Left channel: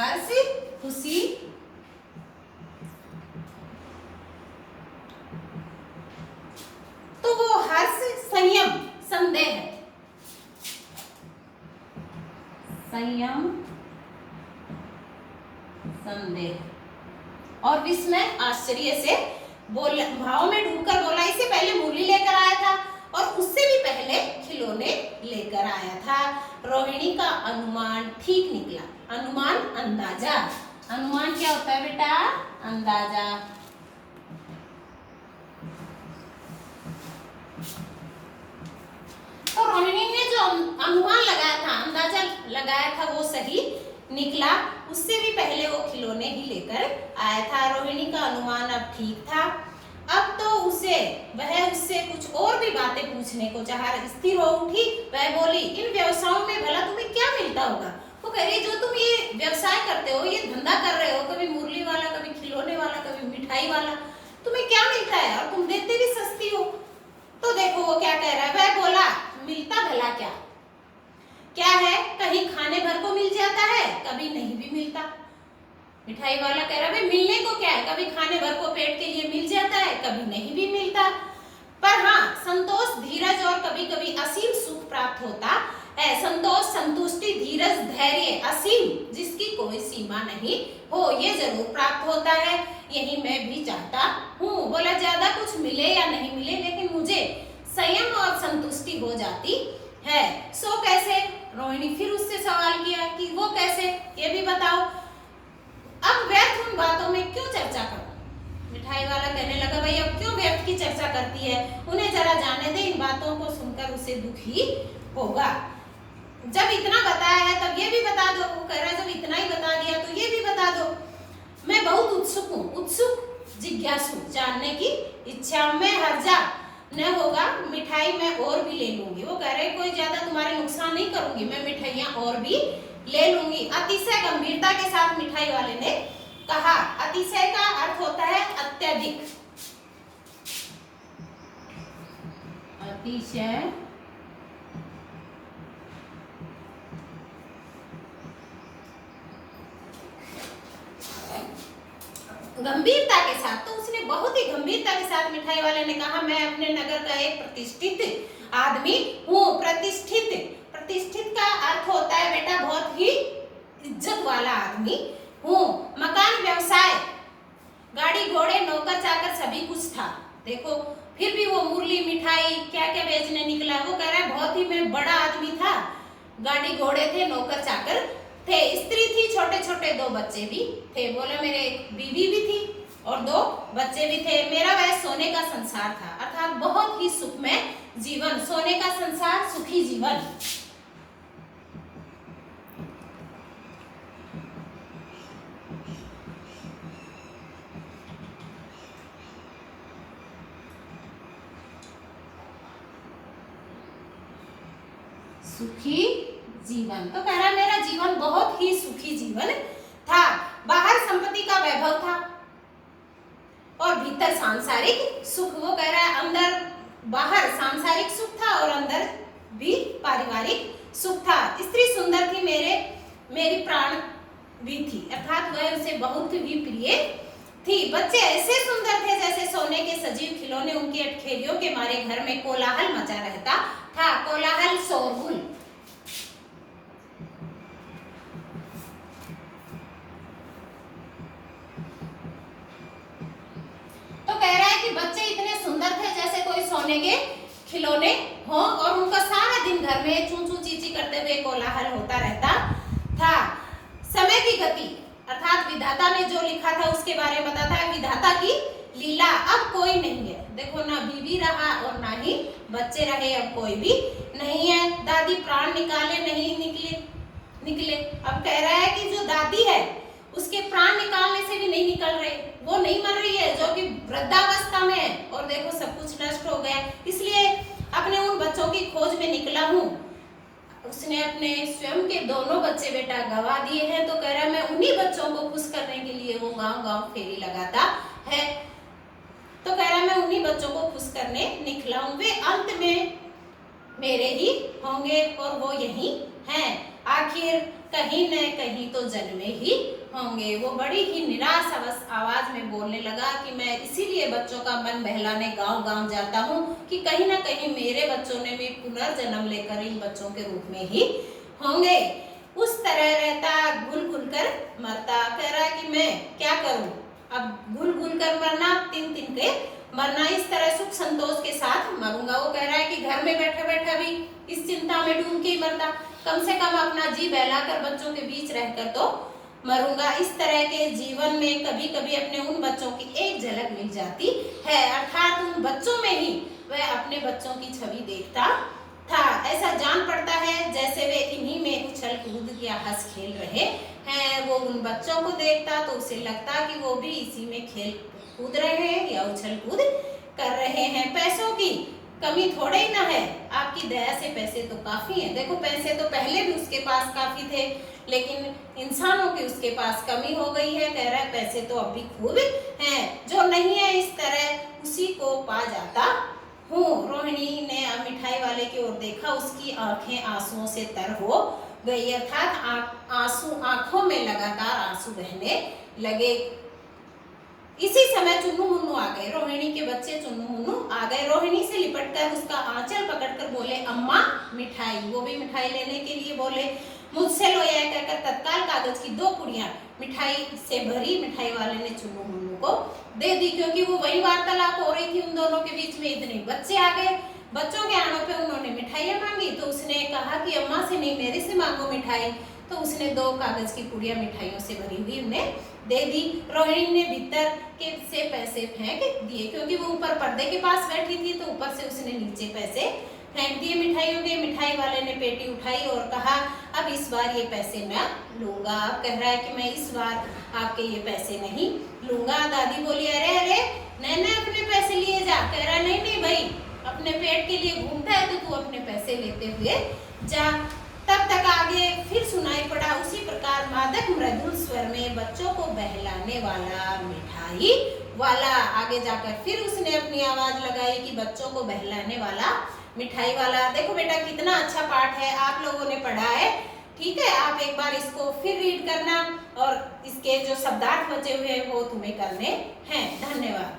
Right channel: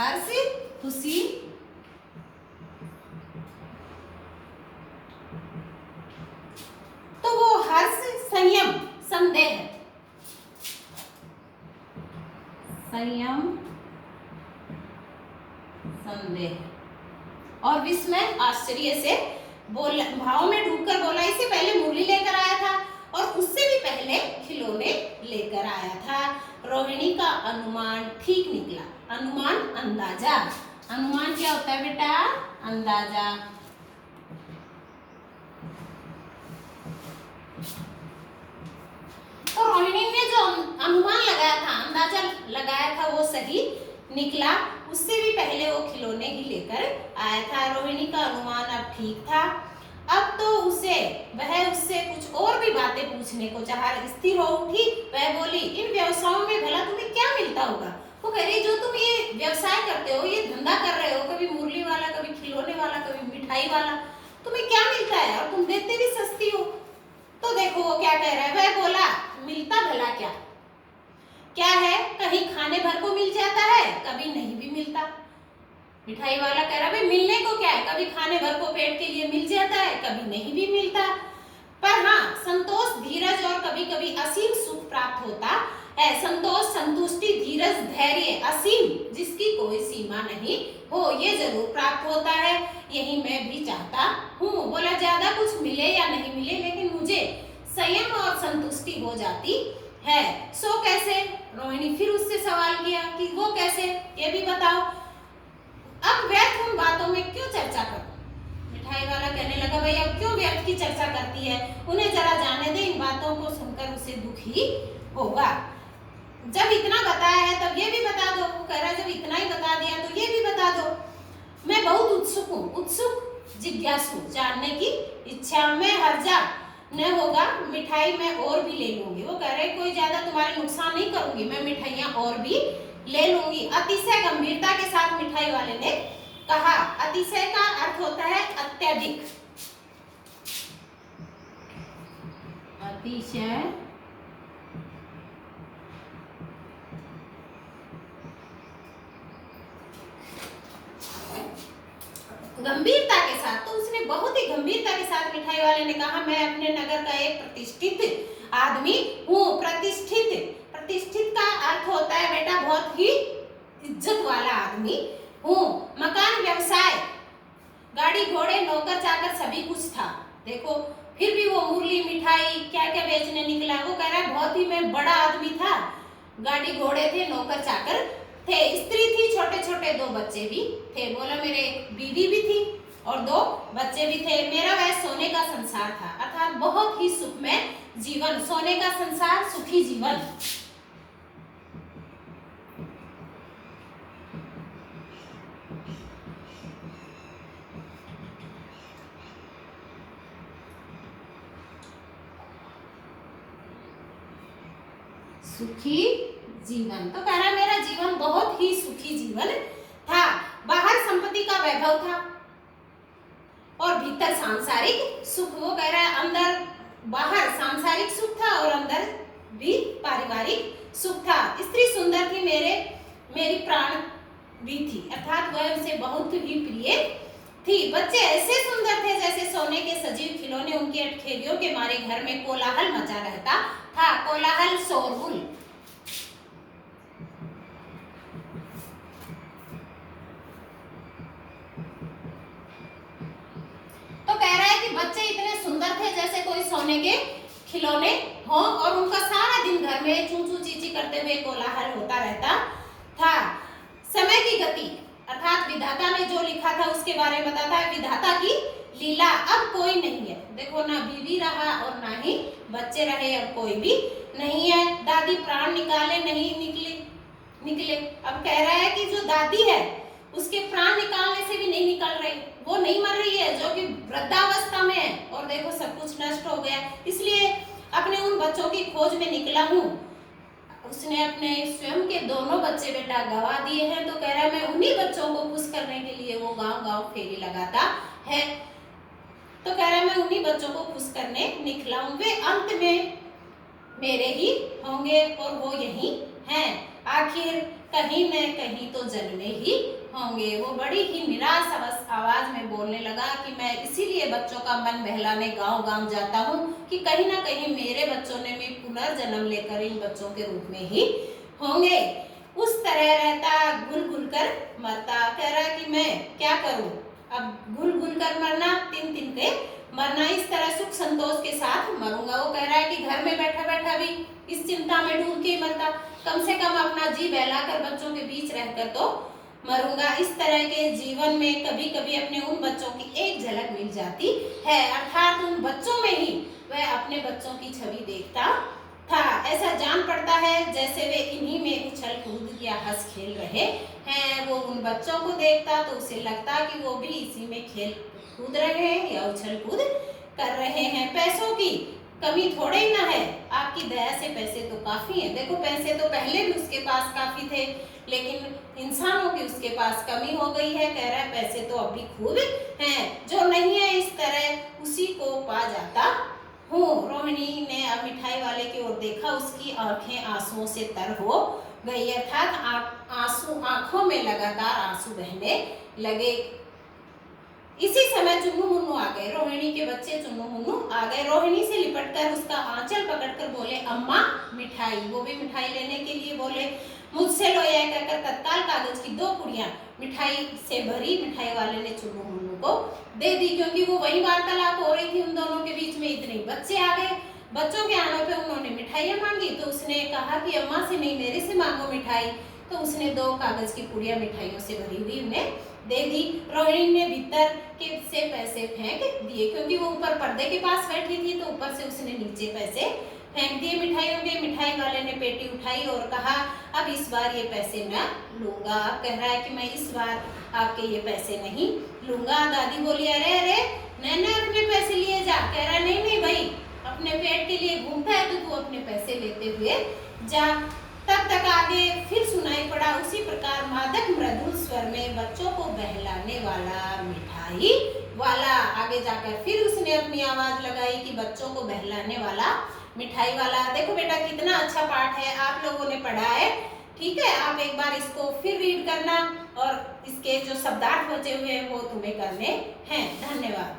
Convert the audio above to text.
हर्ष, खुशी, तो वो हर्ष संयम संदेह है, संयम संदेह। और विस्मय आश्चर्य से बोल भाव में डूबकर बोला। इससे पहले मुरली लेकर आया था और उससे भी पहले खिलौने लेकर आया था। रोहिणी का अनुमान ठीक निकला। अनुमान अंदाजा, अनुमान क्या होता है बेटा? अंदाजा। तो रोहिणी ने जो अनुमान लगाया था, अंदाजा लगाया था, वो सही निकला। उससे भी पहले वो खिलौने ही लेकर आया था। रोहिणी का अनुमान अब ठीक था। अब तो वह उससे कुछ और भी बातें पूछने को चाहा। स्थिर हो उठी, वह बोली, इन व्यवसायों में भला तुम्हें क्या मिलता होगा? वो कह रही, जो तुम ये व्यवसाय करते हो, ये धंधा कर रहे हो, कभी मुरली वाला, कभी खिलौने वाला, कभी मिठाई वाला, तुम्हें क्या मिलता है? और तुम देते भी सस्ती हो। तो देखो वो क्या कह रहा है। वह बोला, मिलता भला क्या क्या है? कहीं खाने भर को मिल जाता है, कभी नहीं भी मिलता। मिठाई वाला कह रहा, भाई मिलने को क्या है? कभी खाने भर को पेट के लिए मिल जाता है, कभी नहीं भी मिलता। पर हाँ, संतोष, धीरज और कभी कभी असीम सुख प्राप्त होता है। संतोष, संतुष्टि, धीरज, धैर्य, असीम, जिसकी कोई सीमा नहीं हो, ये जरूर प्राप्त होता है। यही मैं भी चाहता हूँ। बोला, ज्यादा कुछ मिले या नहीं मिले, लेकिन मुझे संयम और संतुष्टि हो जाती है। सो कैसे? रोहिणी फिर उससे सवाल किया कि वो कैसे, ये भी बताओ। अब व्यर्थ उन बातों में क्यों चर्चा करूं? मिठाई वाला कहने लगा, भाई अब क्यों व्यर्थ की चर्चा करती है? उन्हें जरा जाने दे, इन बातों को सुनकर उसे दुख ही होगा। जब इतना बताया है तब ये भी बता दो। वो कह रहा है, जब इतना ही बता दिया तो ये भी बता दो। मैं बहुत उत्सुक हूँ, उत्सुक, जिज्ञासु, जानने की इच्छा में हर्जा न होगा। मिठाई मैं और भी ले लूंगी। वो कह रहे, कोई ज्यादा तुम्हारे नुकसान नहीं करूंगी, मैं मिठाइयाँ और भी ले लूंगी। अतिशय गंभीरता के साथ मिठाई वाले ने कहा। अतिशय का अर्थ होता है अत्यधिक। अतिशय गंभीरता के साथ, तो उसने बहुत ही गंभीरता के साथ मिठाई वाले ने कहा, मैं अपने नगर का एक प्रतिष्ठित आदमी हूँ। प्रतिष्ठित, प्रतिष्ठित का अर्थ होता है बेटा बहुत ही इज्जत वाला आदमी हूँ। मकान, व्यवसाय, गाड़ी घोड़े, नौकर चाकर सभी कुछ था। देखो फिर भी वो मुरली, मिठाई क्या क्या बेचने निकला। वो कह रहा है, बहुत ही मैं बड़ा आदमी था, गाड़ी घोड़े थे, नौकर चाकर थे, स्त्री थी, छोटे छोटे 2 बच्चे भी थे। बोला, मेरे एक बीवी भी थी और 2 बच्चे भी थे। मेरा वह सोने का संसार था, अर्थात बहुत ही सुखमय जीवन। सोने का संसार, सुखी जीवन। सुखी जीवन। तो कह रहा, मेरा जीवन बहुत ही सुखी जीवन था। बाहर संपत्ति का वैभव था और भीतर सांसारिक सुख। वो कह रहा है, अंदर बाहर सांसारिक सुख था और अंदर भी पारिवारिक सुख था। स्त्री सुंदर थी, मेरी प्राण भी थी, अर्थात वह उसे बहुत ही प्रिय थी। बच्चे ऐसे सुंदर थे जैसे सोने के सजीव खिलौने। उनकी अटखेलियों के मारे घर में कोलाहल मचा रहता था। कोलाहल, शोरगुल। तो कह रहा है कि बच्चे इतने सुंदर थे जैसे कोई सोने के खिलौने हो और उनका सारा दिन घर में चू चू ची ची करते हुए कोलाहल होता रहता था। समय की गति, अर्थात विधाता ने जो लिखा था उसके बारे में बताता है। विधाता की लीला, अब कोई नहीं है। देखो, ना बीवी रहा और ना ही बच्चे रहे, अब कोई भी नहीं है। दादी प्राण निकाले नहीं निकले। अब कह रहा है कि जो दादी है उसके प्राण निकालने से भी नहीं निकल रहे, वो नहीं मर रही है, जो कि वृद्धावस्था में है और देखो सब कुछ नष्ट हो गया। इसलिए अपने उन बच्चों की खोज में निकला हूँ। उसने अपने स्वयं के दोनों बच्चे बेटा गवा दिए हैं। तो कह रहा है, मैं उन्हीं बच्चों को खुश करने के लिए वो गांव-गांव फेरी लगाता है। तो कह रहा है, मैं उन्हीं बच्चों को खुश करने निकला हूँ। वे अंत में मेरे ही होंगे और वो यही हैं। आखिर कहीं न कहीं तो जन्मे ही होंगे। वो बड़ी ही निराश आवाज में बोलने लगा कि मैं इसीलिए बच्चों का मन बहलाने गांव-गांव जाता हूँ कि कहीं ना कहीं मेरे बच्चों ने भी पुनर्जन्म लेकर इन बच्चों के रूप में ही होंगे। उस तरह रहता, घुल घुल कर मरता। कह रहा है कि मैं क्या करूं, अब घुल घुल कर मरना, तिन तिन के मरना, इस तरह सुख संतोष के साथ मरूंगा। वो कह रहा है कि घर में बैठा बैठा भी इस चिंता में डूब के ही मरता, कम से कम अपना जी बहलाकर बच्चों के बीच रहकर तो मरूंगा। इस तरह के जीवन में कभी कभी अपने उन बच्चों की एक झलक मिल जाती है, अर्थात उन बच्चों में ही वह अपने बच्चों की छवि देखता था। ऐसा जान पड़ता है जैसे वे इन्हीं में उछल कूद या हंस खेल रहे हैं। वो उन बच्चों को देखता तो उसे लगता कि वो भी इसी में खेल कूद रहे हैं या उछल कूद कर रहे हैं। पैसों की कमी थोड़े ही ना है, आपकी दया से पैसे तो काफी हैं। देखो पैसे तो पहले भी उसके पास काफी थे, लेकिन इंसानों की उसके पास कमी हो गई है। कह रहा है पैसे तो अभी खूब हैं, जो नहीं है इस तरह उसी को पा जाता हूँ। रोहिणी ने अब मिठाई वाले की ओर देखा, उसकी आंखें आंसुओं से तर हो गई, अर्थात आंसू आंखों में लगातार आंसू बहने लगे। इसी समय चुन्नू मुन्नू आ गए, रोहिणी के बच्चे चुन्नू मुन्नू आ गए। रोहिणी से लिपटकर उसका आंचल पकड़कर बोले, अम्मा मिठाई। वो भी मिठाई लेने के लिए बोले। मुझसे लो, यह कहकर तत्काल कागज की 2 पुड़ियां मिठाई से भरी मिठाई वाले ने चुन्नू मुन्नू को दे दी। क्योंकि वो वही वार्तालाप हो रही थी उन दोनों के बीच में, इतने बच्चे आ गए। बच्चों के आने पे उन्होंने मिठाइयां मांगी तो उसने कहा कि अम्मा से नहीं, मेरे से मांगो मिठाई। तो उसने 2 कागज की पुड़ियां मिठाइयों से भरी हुई उन्हें दे दी। रोहिणी ने भीतर के से पैसे फेंक दिए, क्योंकि वो ऊपर पर्दे के पास बैठी थी तो ऊपर से उसने नीचे पैसे फेंक दिए मिठाइयों के। मिठाई वाले ने पेटी उठाई और कहा, अब इस बार ये पैसे मैं लूंगा। कह रहा है कि मैं इस बार आपके ये पैसे नहीं लूंगा। दादी बोली, अरे अरे नैना अपने पैसे लिए जा। कह रहा नहीं नहीं भाई, अपने पेट के लिए घूमता है तो तू अपने पैसे लेते हुए जा। तब तक आगे फिर सुनाई पड़ा उसी प्रकार मादक मृदुल स्वर में, बच्चों को बहलाने वाला मिठाई वाला। आगे जाकर फिर उसने अपनी आवाज लगाई कि बच्चों को बहलाने वाला मिठाई वाला। देखो बेटा कितना अच्छा पाठ है, आप लोगों ने पढ़ा है, ठीक है। आप एक बार इसको फिर रीड करना और इसके जो शब्दार्थ बचे हुए हैं वो तुम्हें करने हैं। धन्यवाद।